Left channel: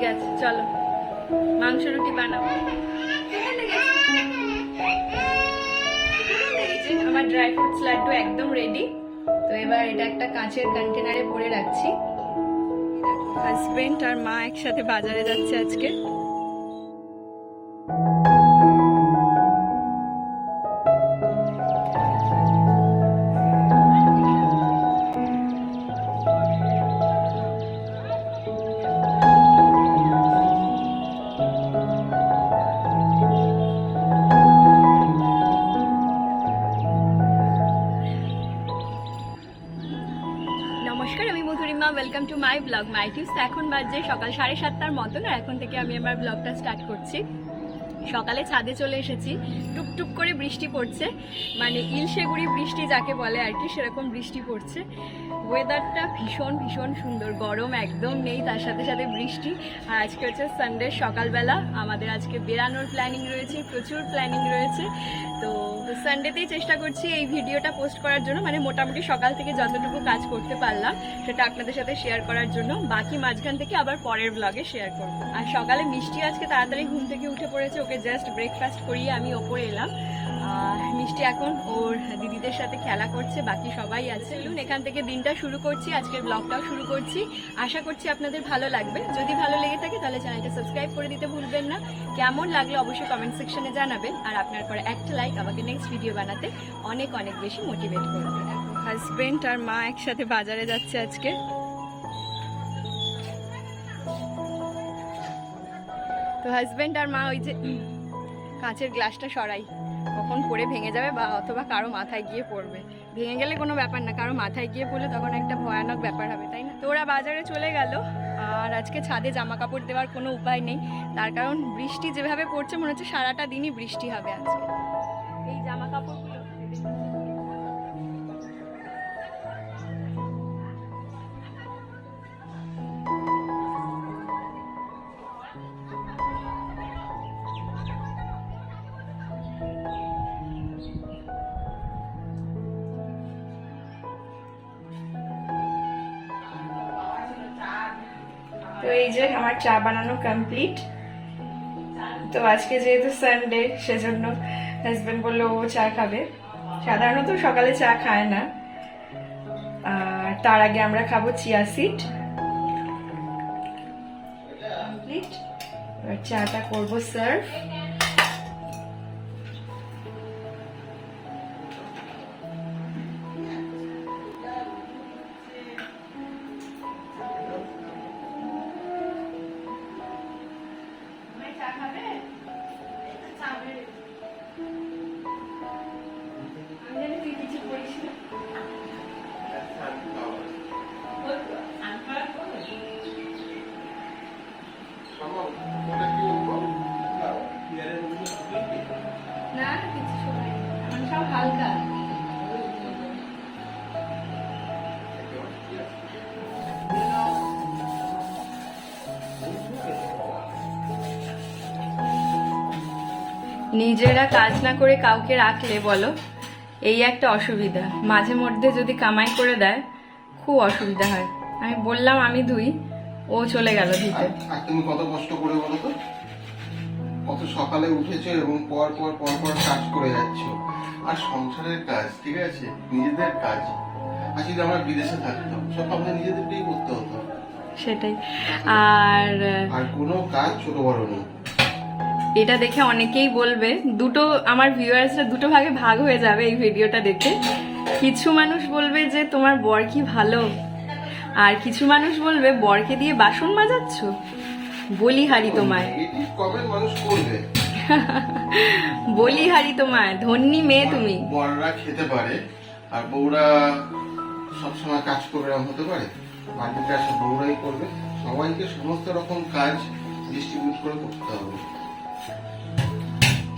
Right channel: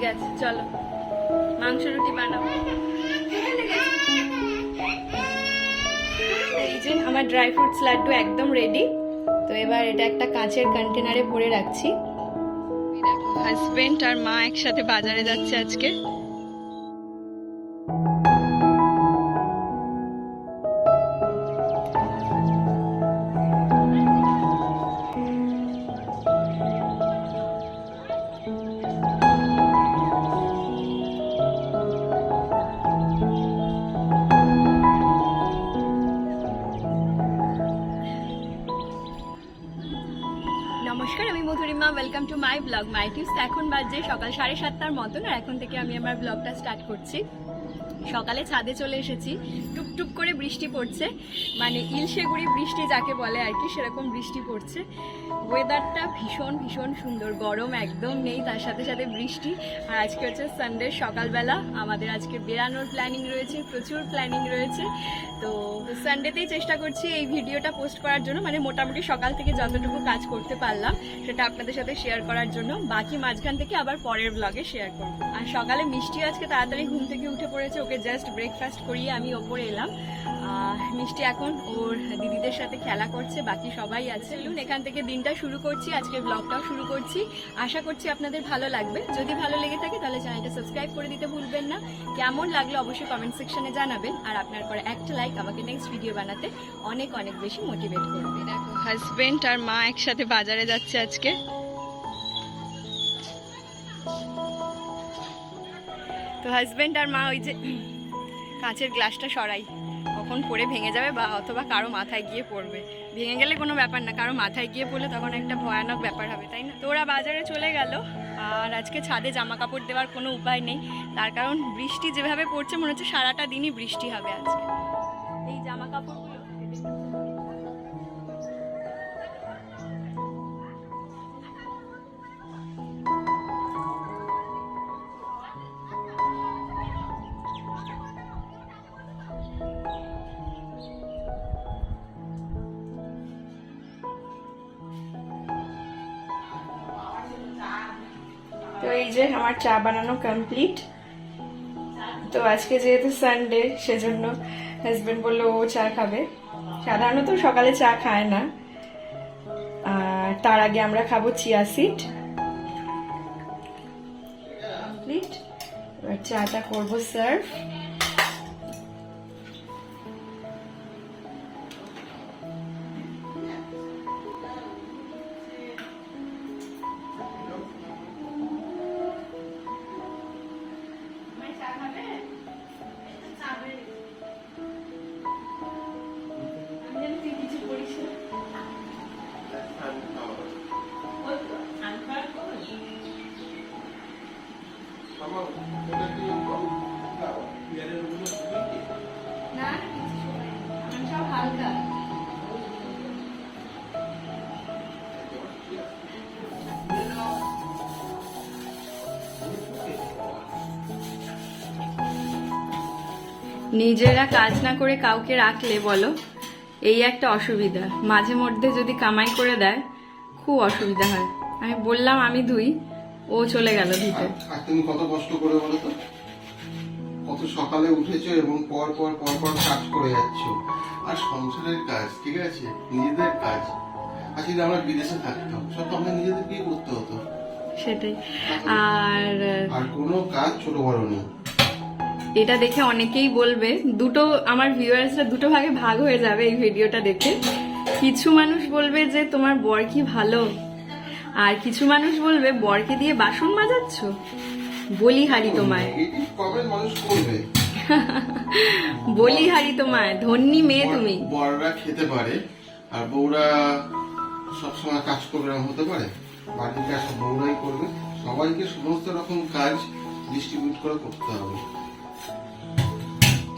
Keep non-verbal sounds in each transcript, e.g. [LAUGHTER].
ঠিক আছে, চলো। মাংস রুটি বানাও। এই যে আমার ড্রাই ফ্রুটস লাড্ডু একদম রেডি তো এবার এটা একটা কাঁচের কন্টেনারে ভরে রাখছি। হাজবেন্ড আর মা একসাথে বাজারে যাচ্ছে আজকে। Welcome to my blog my tips এখন বাজে সকাল সাড়ে সাতটার মতন, আর এখন থেকে আমি আমার ব্লগটা স্টার্ট করছি। সকালে ছাদে চলে এসেছি। টুকটুক করে বৃষ্টি পড়ছে। মানে ইলশেগুড়ি বৃষ্টি যাকে বলে আর কি, সেরকম বৃষ্টি পড়ছে। ওয়েদারটা ভীষণ ভীষণ সুন্দর। গরম একদম নেই, তার সাথে সাথে বৃষ্টি। আর আজকে হচ্ছে সানডে সকালবেলা আমাদের আজকে বেরানোর প্ল্যানিং রয়েছে, প্রচুর প্ল্যানিং রয়েছে। তো সানডেতেই চেষ্টা করছি এই ভিডিওটা পোস্ট করার জন্য। মানে মোটামুটি সকাল থেকে যতটুকু কাজ করতে পারলাম, সেটা আপনাদের সাথে শেয়ার করার জন্য। বাকি মাঝখান থেকে আবার পরের ব্লগে শেয়ার করব। আর সকালে মিষ্টি আজকে তাড়াতাড়ি ঘুম থেকে উঠে পড়েছে, ওকে জাস্ট ব্রেকফাস্ট করিয়ে আমি ওপরে এলাম। মিষ্টি এখন ওর দিদিদের সাথে খেলা করছে বাকি সবাই আছে। চলুন এখান থেকে দিনটা শুরু করছি আজকের ব্লগটাও শুরু করছি। আশা করছি আপনাদের ভালো লাগবে। যদি ভালো লেগে থাকে তাহলে চ্যানেলটা সাবস্ক্রাইব করে দিতে ভুলবেন না। কেমন লাগল অবশ্যই কমেন্ট সেকশনে জানাবেন। আর আপনার করে একটা লাইক আমাকে নেক্সট ভিডিও বানাতে অনেক অনেক বেশি মোটিভেট করবে। দেখো হাজবেন্ড আর মা একসাথে বাজারে যাচ্ছে আজকে। তো হাজবেন্ড আর মা ওই যে কাঁচের গ্লাসটা সরাই। কখন পড়ে ভেঙে যাবে বা অথবা কারও মাথায় গিয়ে পড়বে। ভেঙে গেলে কোনো ব্যাপার না, কারও মাথায় গিয়ে পড়লে তখন একটা ভয়ানক ব্যাপার হবে, তাই না? তো ওরা বাজারে চলে গেল, আর আজকে ছাদে জামা কাপড় দেওয়ার কোনো উপায় নেই। তার কারণ বৃষ্টি যেভাবে পড়ছে, মনে হচ্ছে সারাটা দিনই বৃষ্টি হবে আজকে। এই জামা তো এই যে আমার চা বানানো কমপ্লিট তো আজকে যেহেতু সানডে সেজন্য হাজব্যান্ড বলল ও চা খাবে। সাধারণত সকালে চা খায় না। তার আগে আমরা খাব চিয়া সিড এবার চাটা করব সার্ভ নিজেরা কাজ না করে কাউকে রাখলে বলো এই একটা অসুবিধা। মাঝে মধ্যে যদি কামাই করে দেয় খুব অসুবিধা হয়। আমি বললাম আমি ধুই ও চলে গেল ধুতে। তুমি কত কষ্ট করে বলো তো? কত সকালে উঠেছো এবং পর পর পর পর কাজ করে যাচ্ছ। আর সংসারের কাজ ঠিক আছে? নিজেদের কাজ। আর যদি আমরা বিদেশে থাকতাম সব নিজেদেরকেই করতে হতো। সেটাই। আর আর কোনো কাজ ছোট বড় নেই। এটা দেখে অনেকেই বলবে দুটো আমার ভিউয়ার্সরা দুটো ভাগে ভাগ হয়ে যাবে এই ভিডিওটা দেখে। কিছু মানুষ বলবে যে তোমার বর কি ভালো? আর কিছু মানুষ বলবে বরকে দিয়ে বাসন মাজাচ্ছ? বলি হারি তোমায়। [LAUGHS] বলি হারি তোমায় ধন্যী মেয়ে তুমি। বড়রা খেতে পারে আর বউরা সবসময় কাজ এরকম হতে পারে। বাড়ির কাজ বউরাই করবে। সবাইকে সমস্ত রকম কাজ ডিস্ট্রিবিউট করে করতে হবে।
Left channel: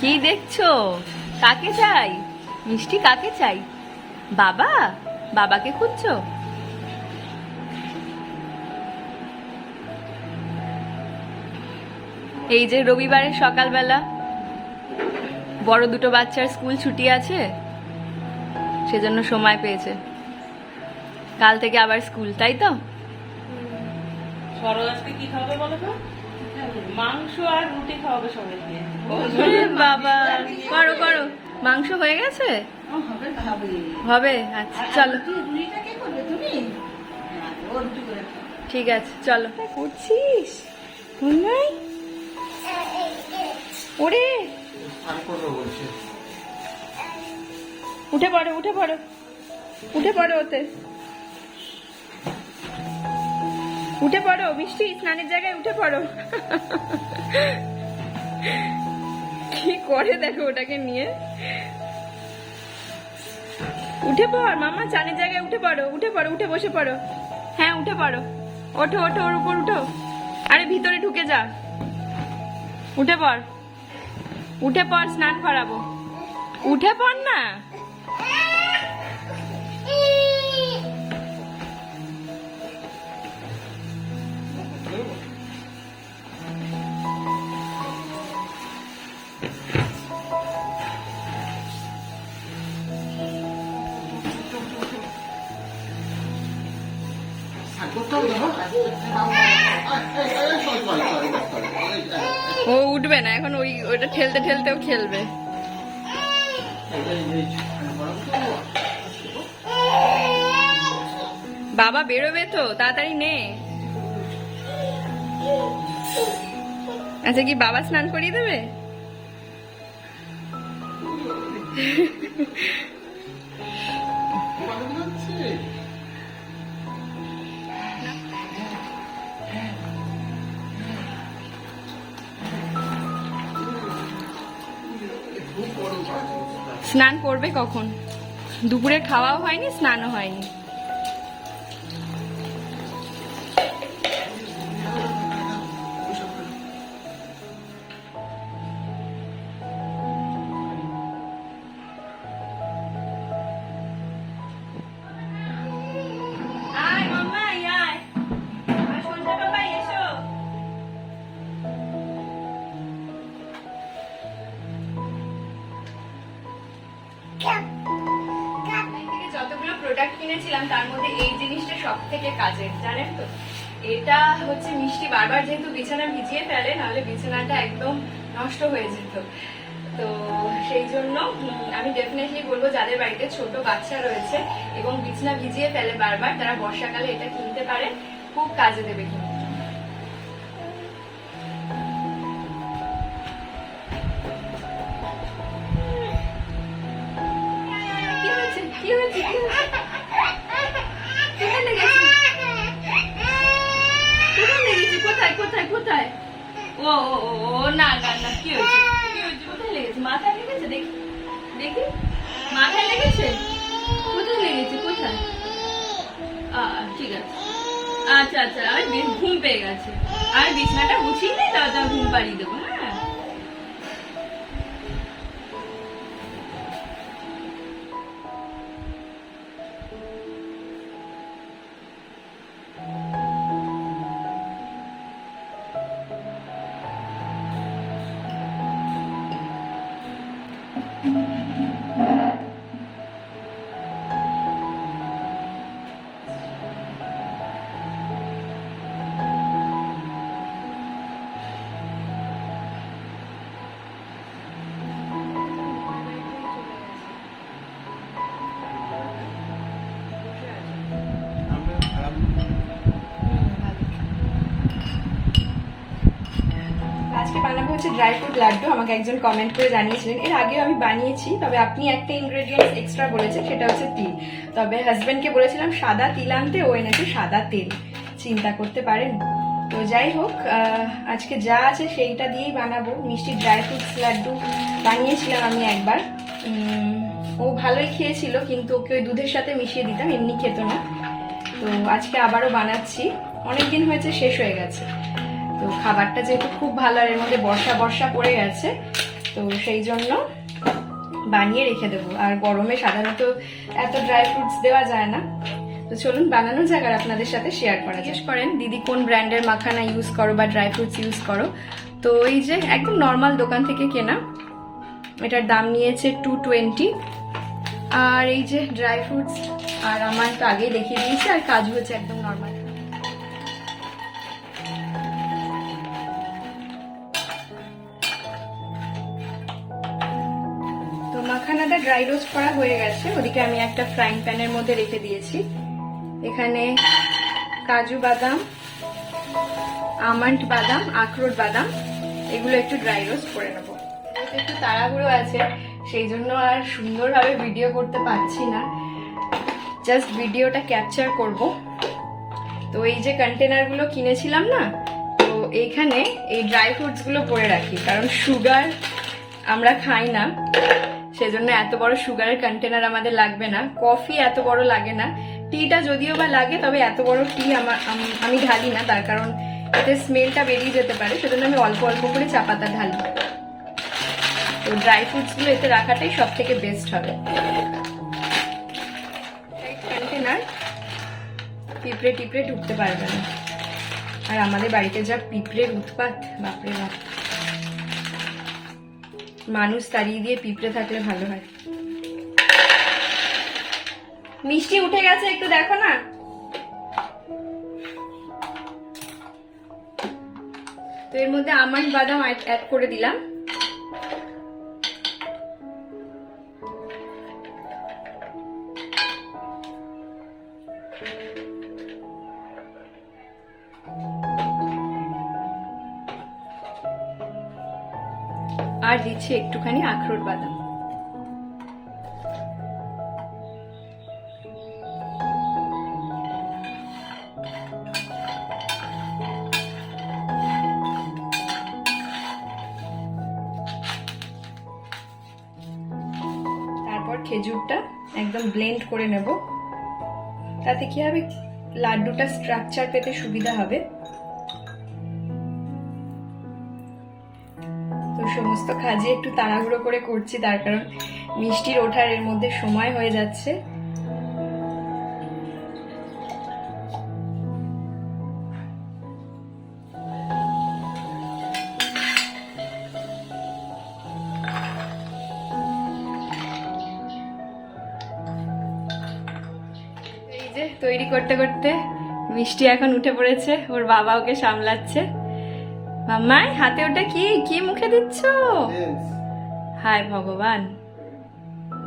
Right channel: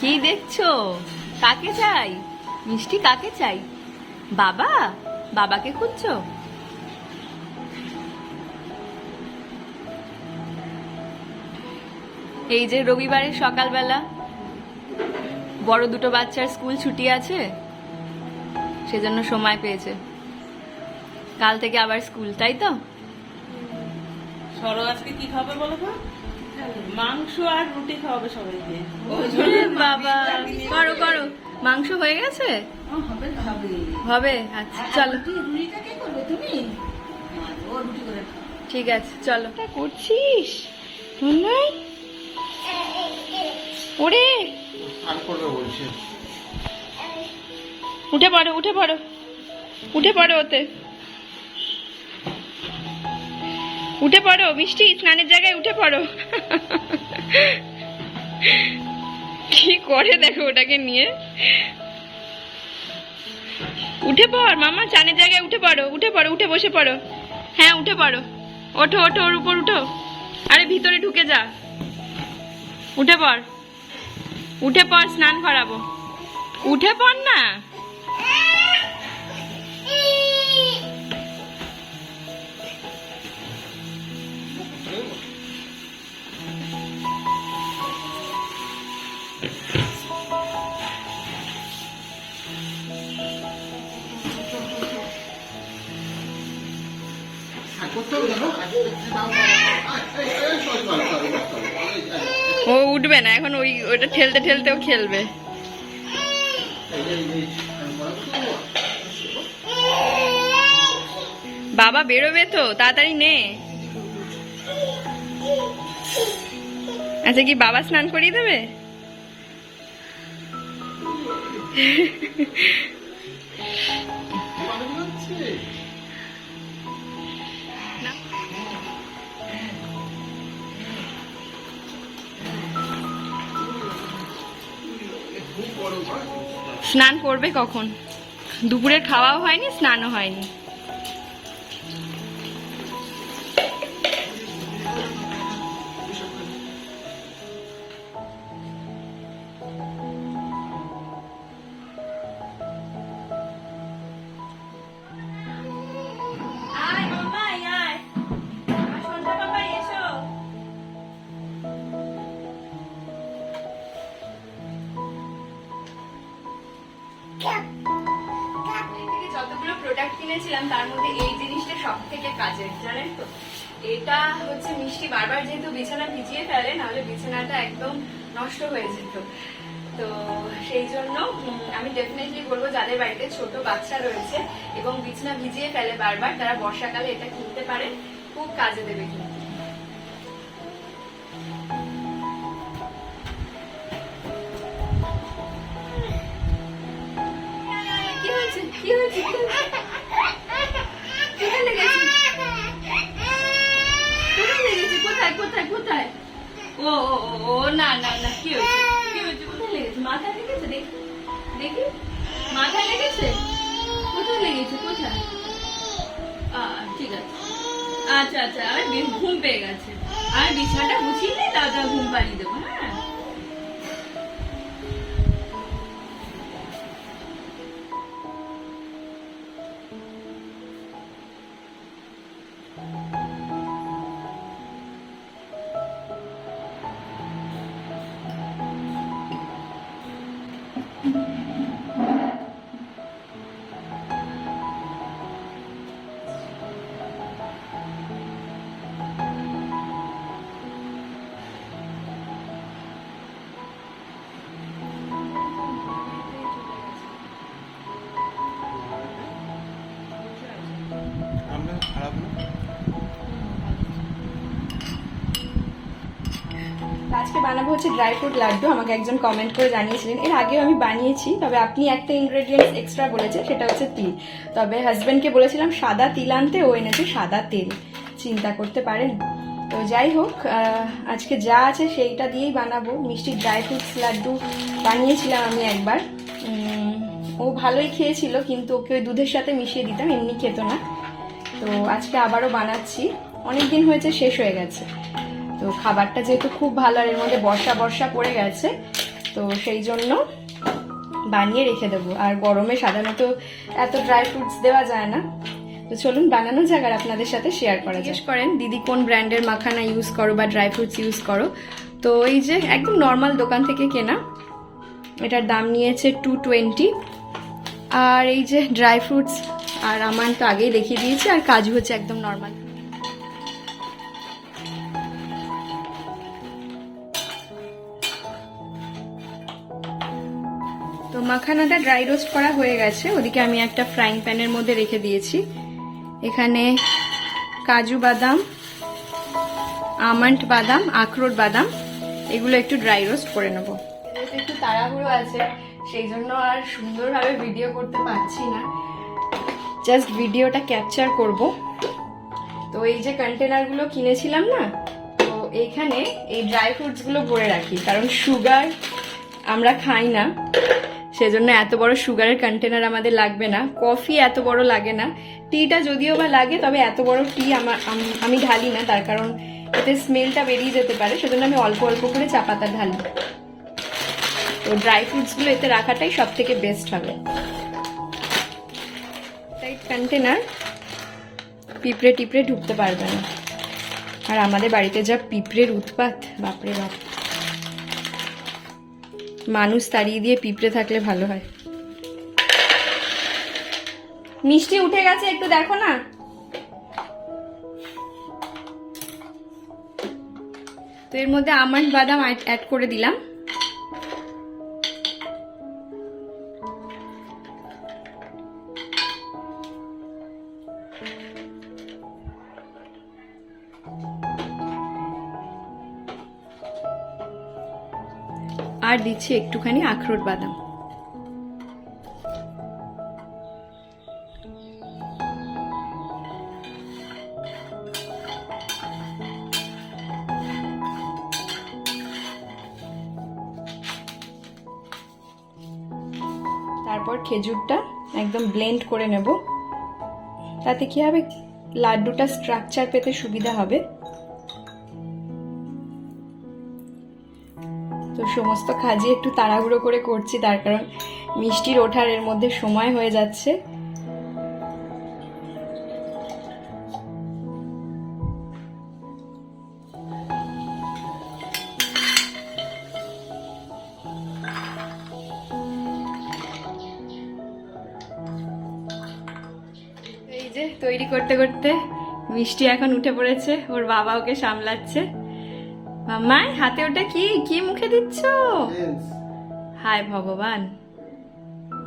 কি দেখছ? কাকে চাই? মিষ্টি কাকে চাই? বাবা, বাবাকে খুঁজছো? এই যে রবিবারের সকালবেলা, বড় দুটো বাচ্চার স্কুল ছুটি আছে, সেজন্য সময় পেয়েছে। কাল থেকে আবার স্কুল, তাই তো? সরো আজকে কি বলো তো? মাংস আর রুটি খাওয়াবে সবাইকে। বাবা। করো করো। মাংস হয়ে গেছে? হবে হবে। হবে? আচ্ছা চলো। ঠিক আছে চলো। করছিস? নাই ওরে। উঠে পড়ো উঠে পড়ো। উঠে পড়ো ওতে। উঠে পড়ো, মিষ্টি, স্নানের জায়গায় উঠে পড়ো। কি করে দেখো ওটাকে নিয়ে? উঠে পড়, মামা চানের জায়গায় উঠে পড়ো উঠে পড়ো, উঠে বসে পড়ো। হ্যাঁ উঠে পড়ো। ওঠো ওঠো, ওর উপর উঠো। আরে, ভিতরে ঢুকে যা। উঠে পড়। উঠে পড়, স্নান করাবো। উঠে পড় না? ও উঠবে না, এখন ওই ওটা ঠেলতে ঠেলতেও খেলবে। বাবা বেরোবে তো, তাড়াতাড়ি নে। আচ্ছা কি বাবা স্নান করিয়ে দেবে? স্নান করবে কখন? দুপুরের খাওয়াও হয়নি স্নানও হয়নি। প্রোডাক্ট কিনেছিলাম, তার মধ্যে এই জিনিসটা সব থেকে কাজের, জানেন তো? এটা হচ্ছে মিষ্টি, বারবার যেহেতু বিছানা ভিজিয়ে ফেলে, নাহলে বিছানাটা একদম নষ্ট হয়ে যেত। তো সেই জন্য আমি ডেফিনেটলি বলব যাদের বাড়িতে ছোট বাচ্চা রয়েছে এবং বিছানা ভিজিয়ে ফেলে বারবার, তারা বর্ষাকালে এটা কিনতে পারে, খুব কাজে দেবে কিন্তু। কোথায় লেগেছে? মাথায় লেগেছে? দেখি লেগেছে? কোথায় লেগেছে? কোথায়? ঠিক আছে। আচ্ছা আচ্ছা আর ঘুম পেয়ে গেছে। আর বিছানাটা গুছিয়ে নিই তাও তাও ঘুম পাড়িয়ে দেবো হ্যাঁ? হচ্ছে ড্রাই ফ্রুট লাড্ডু, আমাকে একজন কমেন্ট করে জানিয়েছিলেন, এর আগেও আমি বানিয়েছি, তবে আপনি একটা ইনগ্রেডিয়েন্টস এক্সট্রা বলেছেন, সেটা হচ্ছে তিল। তবে হাজবেন্ডকে বলেছিলাম, সাদা তিল আনতে, ও এনেছে সাদা তেল। চিন্তা করতে পারেন। তো যাই হোক আজকে যা আছে সেইটা দিয়েই বানাবো। মিষ্টি ড্রাই ফ্রুটস লাড্ডু বানিয়েছিলাম আমি একবার। ও ভালোই খেয়েছিল, কিন্তু ওকে ওই দুধের সাথে মিশিয়ে দিতাম, এমনি খেত না। তো আজকে আবারও বানাচ্ছি। অনেক দিন হয়েছে, শেষ হয়ে গেছে। তো খাবারটা যেহেতু খুব ভালো আর এর মধ্যে বর্ষা বর্ষা পড়ে গেছে, তো সেই জন্য বানিয়ে রেখে দেবো। আর গরমে সাধারণত এত ড্রাই ফ্রুটস দেওয়া যায় না। তো চলুন বানানো যাক আর আপনাদের সাথে শেয়ার করা জিজ্ঞেস করেন, দিদি, কোন ব্র্যান্ডের মাখানা ইউজ করো বা ড্রাই ফ্রুটস ইউজ করো? তো এই যে একদম নর্মাল দোকান থেকে কেনা, এটার দাম নিয়েছে টু টোয়েন্টি আর এই যে ড্রাই ফ্রুটস আর আমার তো আগেই দেখিয়ে দিয়েছি, আর কাজু হচ্ছে একদম নর্মাল মাখানাটা ড্রাই রোস্ট করা হয়ে গেছে। ওদিকে আমি একটা ফ্রাইং প্যানের মধ্যে রেখে দিয়েছি। এখানে কাজু বাদাম আমন্ড বাদাম আখরোট বাদাম এগুলো একটু ড্রাই রোস্ট করে নেব। একটু তাড়াহুড়ো আছে সেই জন্য আর সুন্দরভাবে ভিডিও করতে পারছি না। জাস্ট ভিডিওটা ক্যাপচার করব। তো এই যে কন্টেনারগুলো কিনেছিলাম না তো এইখানে এই ড্রাই ফ্রুটসগুলো ভরে রাখি কারণ সুগার আমরা খাই না। সেজন্য এত বড় সুগারের কন্টেনার আমাদের লাগবে না। কফি এত বড় লাগে না। টিটা যদিও বা লাগে, তবে এত বড় টি আমার আমি ঢালি না, তার কারণ এতে স্মেলটা বেরিয়ে যেতে পারে, সেজন্য আমি অল্প অল্প করে চা পাতা ঢালি। তো ড্রাই ফ্রুটসগুলো এতে রাখাটাই সব থেকে বেস্ট হবে। কন্টেনার পিঁপড়ে টিপড়ে ঢুকতে পারবে না। আর আমাদের বাড়িতে যা পিঁপড়ের উৎপাত, বাপরে বাপ। মানুষ তাড়িয়ে দিয়ে পিঁপড়ে থাকলে ভালো হয়। মিষ্টি উঠে গেছে, একটু দেখো না। তো এর মধ্যে আমন্ড বাদাম অ্যাড করে দিলাম। দিচ্ছি একটুখানি আখরোট বাদাম। তারপর খেজুরটা একদম ব্লেন্ড করে নেব। তাতে কি হবে? লাড্ডুটা স্ট্রাকচার পেতে সুবিধা হবে। সমস্ত কাজে একটু তাড়াহুড়ো করে করছি, তার কারণ মিষ্টির ওঠার এর মধ্যে সময় হয়ে যাচ্ছে। তৈরি করতে করতে মিষ্টি এখন উঠে পড়েছে, ওর বাবা ওকে সামলাচ্ছে। মাম্মাই হাতে ওটা কি? কি মুখে দিচ্ছ? হায় ভগবান।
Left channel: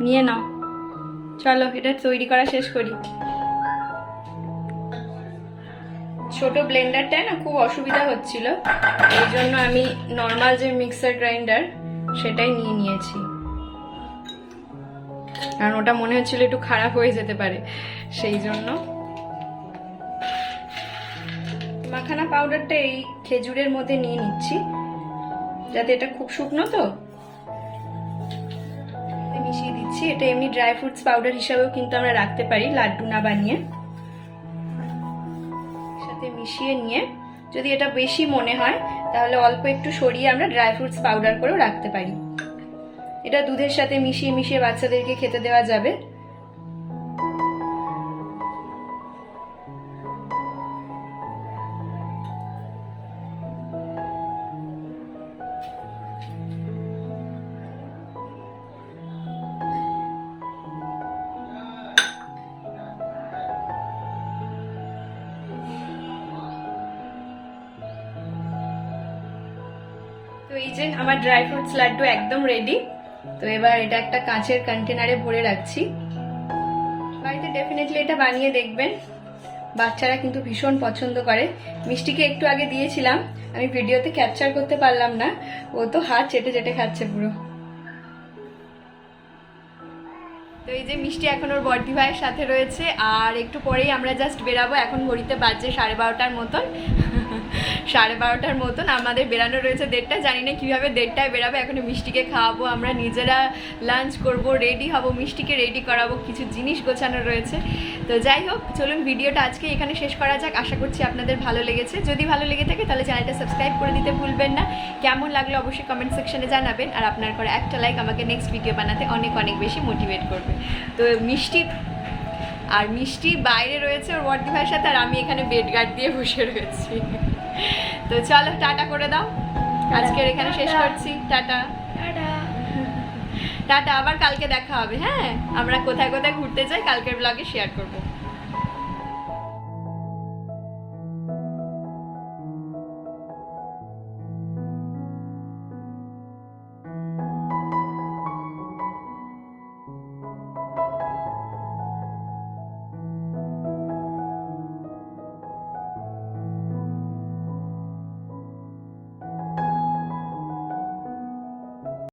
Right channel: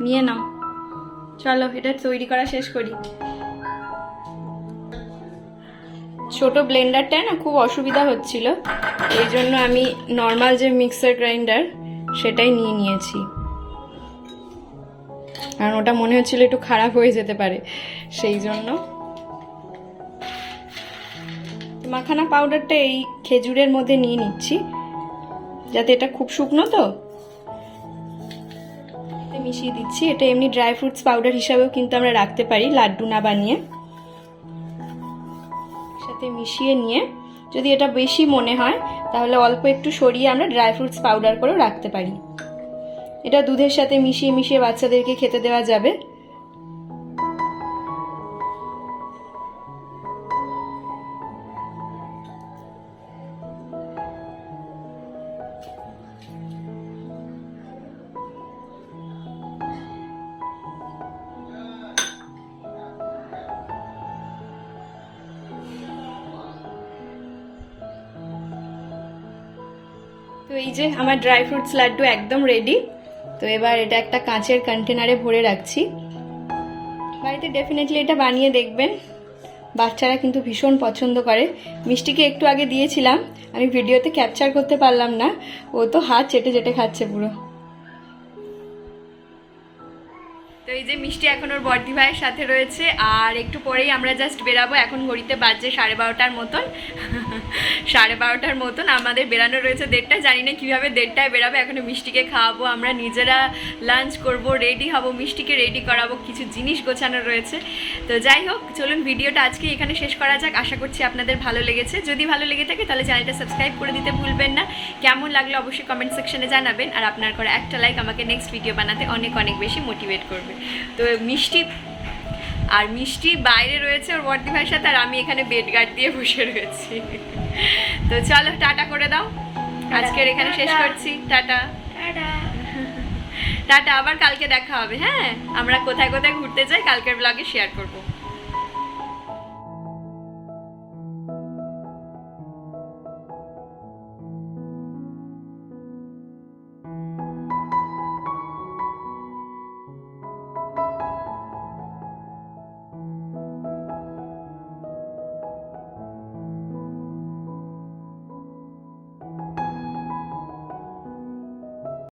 নিয়ে নাও। চলো এটা তৈরি করা শেষ করি। ছোট ব্লেন্ডারটায় না খুব অসুবিধা হচ্ছিল। এই জন্য আমি নর্মাল যে মিক্সার গ্রাইন্ডার সেটাই নিয়ে নিয়েছি। কারণ ওটা মনে হচ্ছিল একটু খারাপ হয়ে যেতে পারে। সেই জন্য মাখানা পাউডারটা এই খেজুরের মধ্যে নিয়ে নিচ্ছি। যাতে এটা খুব শুকনো তো। মিশিয়ে দিচ্ছি। এটা এমনি ড্রাই ফ্রুটস পাউডার হিসাবেও কিন্তু আমরা রাখতে পারি, লাড্ডু না বানিয়ে। সাথে মিশিয়ে নিয়ে, যদি এটা বেশি মনে হয়, তাহলে অল্প একটু সরিয়ে আমরা ড্রাই ফ্রুটস পাউডার করেও রাখতে পারি। এটা দুধের সাথে মিশিয়ে মিশিয়ে বাচ্চাদেরকে খেতে দেওয়া যাবে। যে আমার ড্রাই ফ্রুটস লাড্ডু একদম রেডি তো এবার এটা একটা কাঁচের কন্টেনারে ভরে রাখছি। বাড়িতে ডেফিনেটলি এটা বানিয়ে দেখবেন। বাচ্চারা কিন্তু ভীষণ পছন্দ করে। মিষ্টিকে একটু আগে দিয়েছিলাম, আমি ভিডিওতে ক্যাপচার করতে পারলাম না। ও তো হাত চেটে চেটে খাচ্ছে পুরো। তো এই যে মিষ্টি এখন ওর বর্দি ভাইয়ের সাথে রয়েছে, আর একটু পরেই আমরা জাস্ট বেরাবো। এখন ঘড়িতে বাজছে সাড়ে বারোটার মতন। [LAUGHS] সাড়ে বারোটার মতন আমাদের বেরানো রয়েছে দেড়টা জানি না কীভাবে দেড়টায় বেরাবো এখন মিষ্টিকে খাওয়াবো। আমরা নিজেরা লাঞ্চ করব রেডি হব, মিষ্টিকে রেডি করাবো। কিছু জিনিস গোছানো রয়েছে। তো যাই হোক, চলুন ভিডিওটা আজকে এখানে শেষ করা যাক। আশা করছি আপনাদের ভালো লেগেছে। যদি ভালো লেগে থাকে, তাহলে চ্যানেলটা সাবস্ক্রাইব করে দিতে ভুলবেন না। কেমন লাগল অবশ্যই কমেন্ট সেকশনে জানাবেন। আর আপনার করা একটা লাইক আমাকে নেক্সট ভিডিও বানাতে অনেক অনেক বেশি মোটিভেট করবে। তো মিষ্টি আর মিষ্টি বাইরে রয়েছে ওর বর্দি ভাইয়ের সাথে আর আমি এখানে বেড গার্ড দিয়ে বসে রয়েছি। তো চলো টাটা করে দাও। আজকের এখানে শেষ করছি। টাটা। টাটা। আবার কালকে দেখা হবে হ্যাঁ? আমরা কোথায় কোথায় ঘুরতে যাই কালকের ব্লগে শেয়ার করব।